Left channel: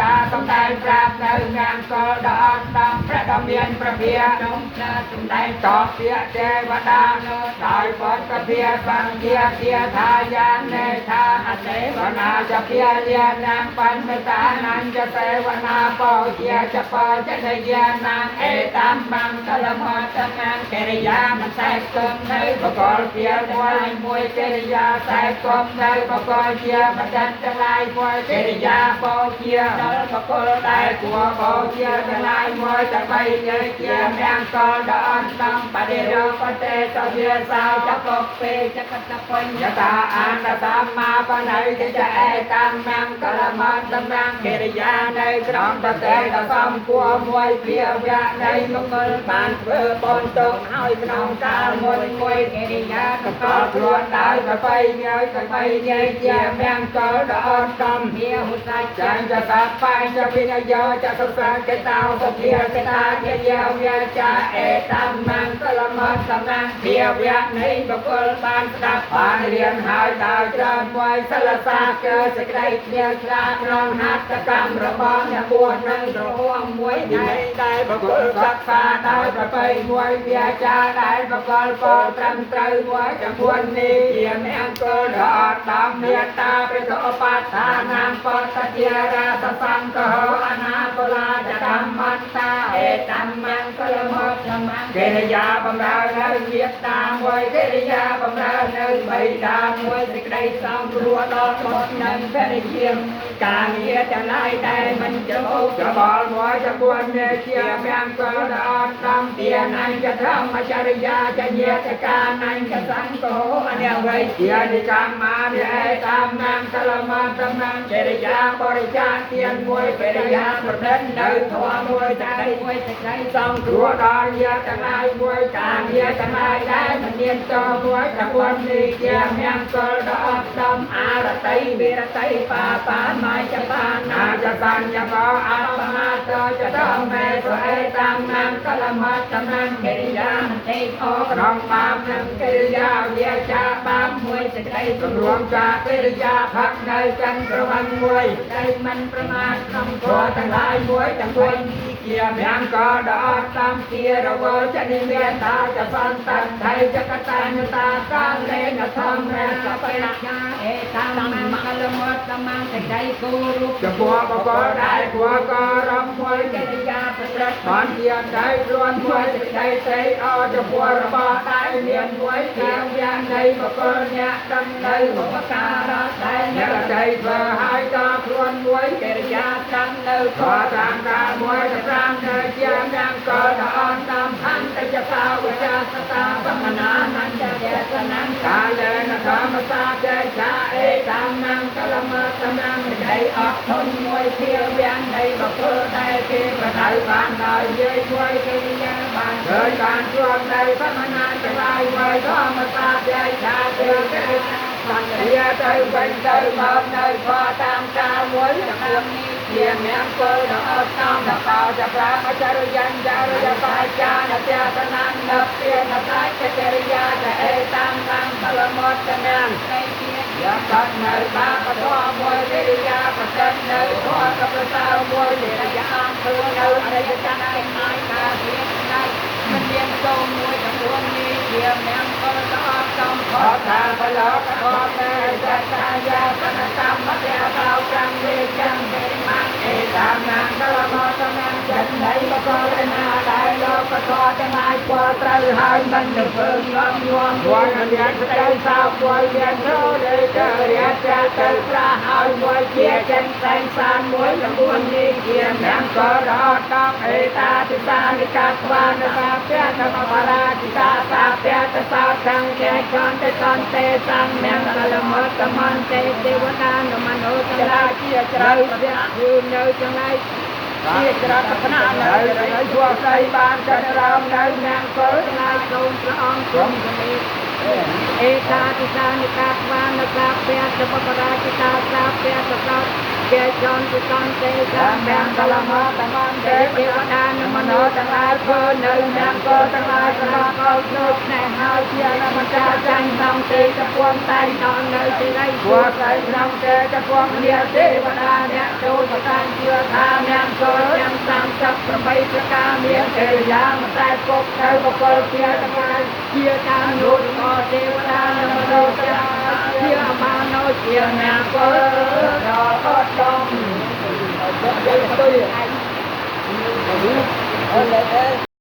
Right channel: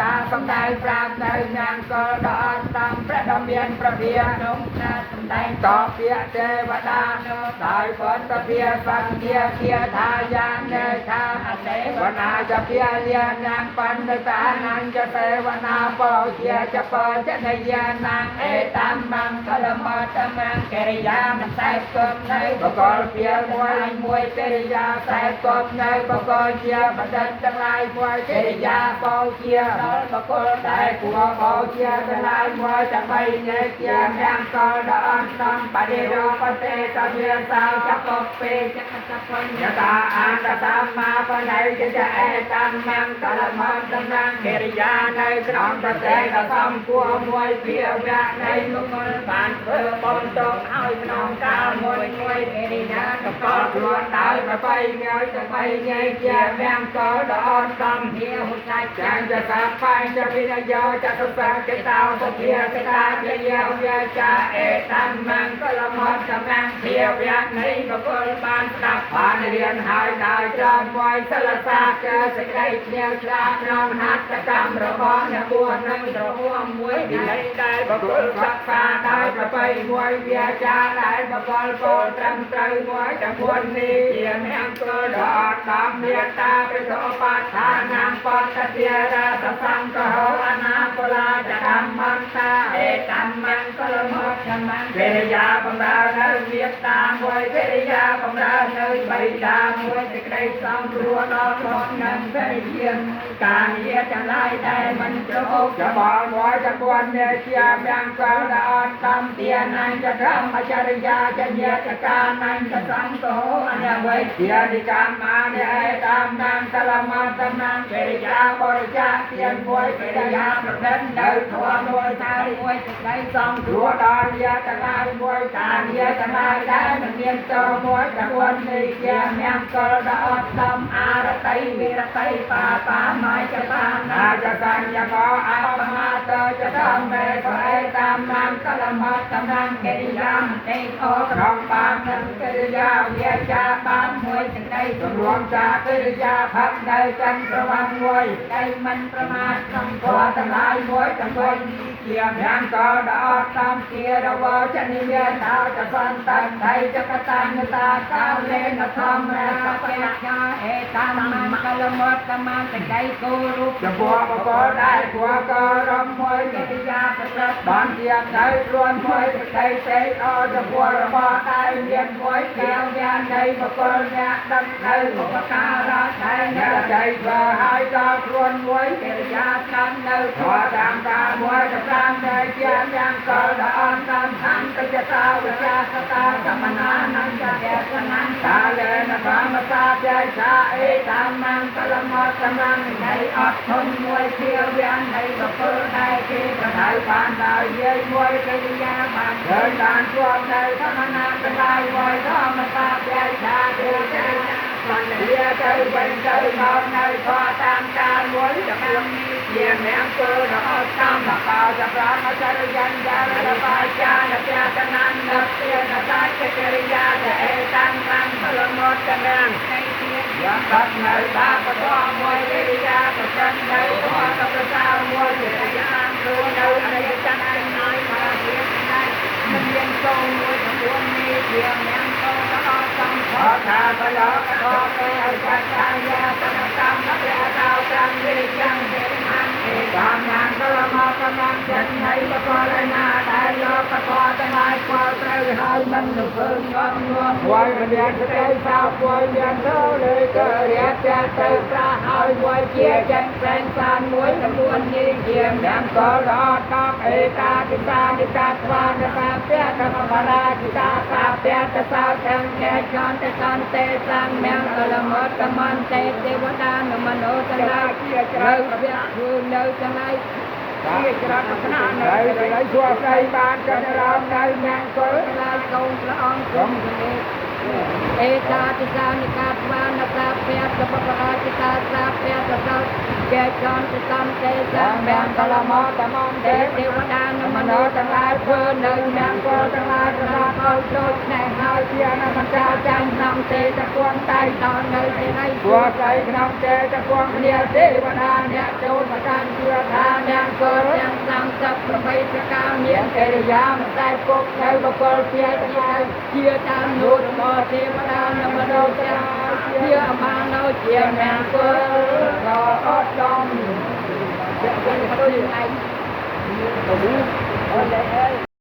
តាសំដែងប្រាប់នៅញាំកលដល់ដំព្រះដ៏មានព្រះភាក្នុងសំដែងតបពាក្យទេវតានោះដោយពុទ្ធភាបង្គាភាថាយ៉ាងនេថាអទេវនាចភាលាញាំបណ្ឌិតានាញចទេវនាបោជាចបចនិយានាអេតាមបង្កលមតនាកិរិយាមិនតែគប់នៅបកលភាមួយកិរិយាតែគប់នៅបកលជាបដិទ្ធទាំងឡាយមួយកិរិយាបោជាដល់បកលតែគួរបោជាទាំងឡាយមួយទាំងបីជាជាទាំងកលដល់តំបរិរោបទេតវាសាចបពេចកតបញ្ញតាអន្តសម្មាបណៃតិចអេតាមបង្កលមតនាកិរិយានៅក្នុងប្រទេសសំគួរមួយភាវៈនៃមង្គលបានធ្វើបំទុកឲ្យក្នុងកាលមួយកិរិយាទៅកលខ្លួនដោយប្របីញើយទៅបីញើយជាទាំងកលដល់តំភាហុសាចាញ់ចសតបញ្ចវិនយោចសុសាកេតោសភាកេតាជាយាវាចាអេតាមបង្កលមតនាភាវៈនៃមង្គលបានស្ដាប់បានរៀនហើយដោយច្រើនមួយសិលសាកើសេចក្តីជ្រាលជ្រាក្នុងហត្ថកម្មរបស់អ្នកបួសនឹងរហួមមួយវិន័យដែលបកលសិក្សាដោយប្របីមួយវាចាដែលបកលពលត្រឹមត្រូវមួយចំនួននេះជាអ្នកកលដល់តាមមេត្តាព្រះឧបថានាមបតតិរាសសង្ឃោអនាបលាចកម្មន្តាអេតាមង្កលមតកម្មកិរិយាបំរើនៅមេត្តាមួយកិរិយាបំរើនៅបៃតាមួយសេចក្តីសំព្រោះដល់បុត្រនិងភរិយាការងារទាំងឡាយដែលមិនចូលច្បល់មួយចំនួននេះជាទាំងកលដល់តំទានអញ្ញធម្មចរិយាចញ្ញាចកានញ្ញសង្ឃោអនវៃជានិកម្មមានិឯតាមនាមកលមតនាកិរិយាបរិច្ចាគទានមួយកិរិយាប្រឌិតនៅធម៌មួយសេចក្តីសំគ្រោះដល់ញាតិទាំងឡាយមួយការងារទាំងឡាយដែលមិនមានតមួយចំនួននេះជាទាំងកលដល់តំអរតីវិរតីបាបាមាចបាណាចសញ្ញកោអបណាតចតំមេស្វេតាមនាមកលមតនាកិរិយាមតិអក្រមបាមនឹងកិរិយាវាចាបាមមួយសេចក្តីរួមចាកិរិយាផឹកនៅចន្ទប្រវត្តិមួយដែលមិនប្រមាទក្នុងធម៌ទាំងឡាយមួយទាំងបីនេះជាទាំងកលដល់តំទារវចនិមេតាចសន្តថៃចកតាញតាកាលេនធម្មរសបញ្ញាអេតាមមកលមតកម្មសេចក្តីគោរពចំពោះបកលដែលគួរក៏រំមួយកិរិយាប្រព្រឹត្តបានជាទៅរួនមួយសេចក្តីទេអចំពោះរបស់ដែលមានមួយជាយ៉ាងនៃបកលអ្នកដឹងនៅឧបការៈដែលអ្នកใจធ្វើឲ្យដល់ខ្លួនមួយកិរិយាដឹងនៅខតាមការមួយតាមតែជាយ៉ាងក៏ដល់តាមអន្តចតាវិជាសតាសមណានញ្ញចេតនាកាលេនធម្មសាចេចាអេតាមនាមកលមតនានៃអត់ធន់មួយភាវៈនៃបកលដែលគេប្រដៅបានដល់យាយមួយកិរិយាបានឃើញបានជួបនៅសមណានទាំងឡាយមួយធម្មសាចេចាទេបានវាទៅវិញទៅមកនៅខតាមការមួយចំនួននេះជាអ្នកគោលដល់តាមបកោចប្រាមចរិយាចារបាចានទៈកណាននៅពីនតាកិរិយាជាអេតាមតាមបលមតនាយកកាត់នៅបាបតមួយកិរិយាប្រសិទ្ធនៅខតប្រសើរមួយកិរិយាគឺនៅអរិយសច្ចទាំងឡាយការជាទាំងឡាយមិនមានគោលមួយចំនួននេះជាអ្នកគោលដល់សំខថាបលកធម៌តែចតាយាបកម្មមគ្គតោប្រាំវិយ៉ាងទេណាអេតាមនាមកលមតនាចិត្តនៃបកលណាដែលយកប្រកបទាំងឡាយគួរត្រូវហើយមិនទៅធ្វើងំញងវល់រៀនទៅសាវយរៀនទៅលេទៅរៀនទៅប្រាហើយមួយជាចិត្តតែងសានមួយចំនួននេះជាអ្នកក៏ដល់តាមអេតាទិតានិកាស្វានបាពៈធម្មបារាទិកាសាពៈតសោទាំងជាចន្ទតន្ទេតាំងអ្នកកលមតមន្ទេទេវតានមនោកលាជាច្រើនគឺនៅទាំងឡាយជាច្រើនឋានៈនៅជួយស្ដីបានចន្ទរោមនៅនាងកុលថ្លៃសូមព្រះអង្គគង់ជំរាប เอกาติสานิกาสวานิกาเปียสปปราชิตาสาเปียสปปเปียจอนตุตัมเตจังแดงตละมะตะมันเตเทวดานิมโนทั้งหลายพ้นในนามโกทั้งหลายสมาเข้าโชคแน่หาเทียนมันจาจันทำเตจะควงไตทางในเจริญบัวใส่นำเตจะควงเนียเทวดาเนี่ยโตประการเชื่อทาเนี่ยโกยังสังจับประไมประการเนี่ยเจริญยังแต่ปกในประกอบเทียทั้งหลายเทียทางโยกก็เทวดาเนี่ยมโนทั้งหลายเทียมาโนเทียเนี่ยโกรอจอมเป็นตัวใหญ่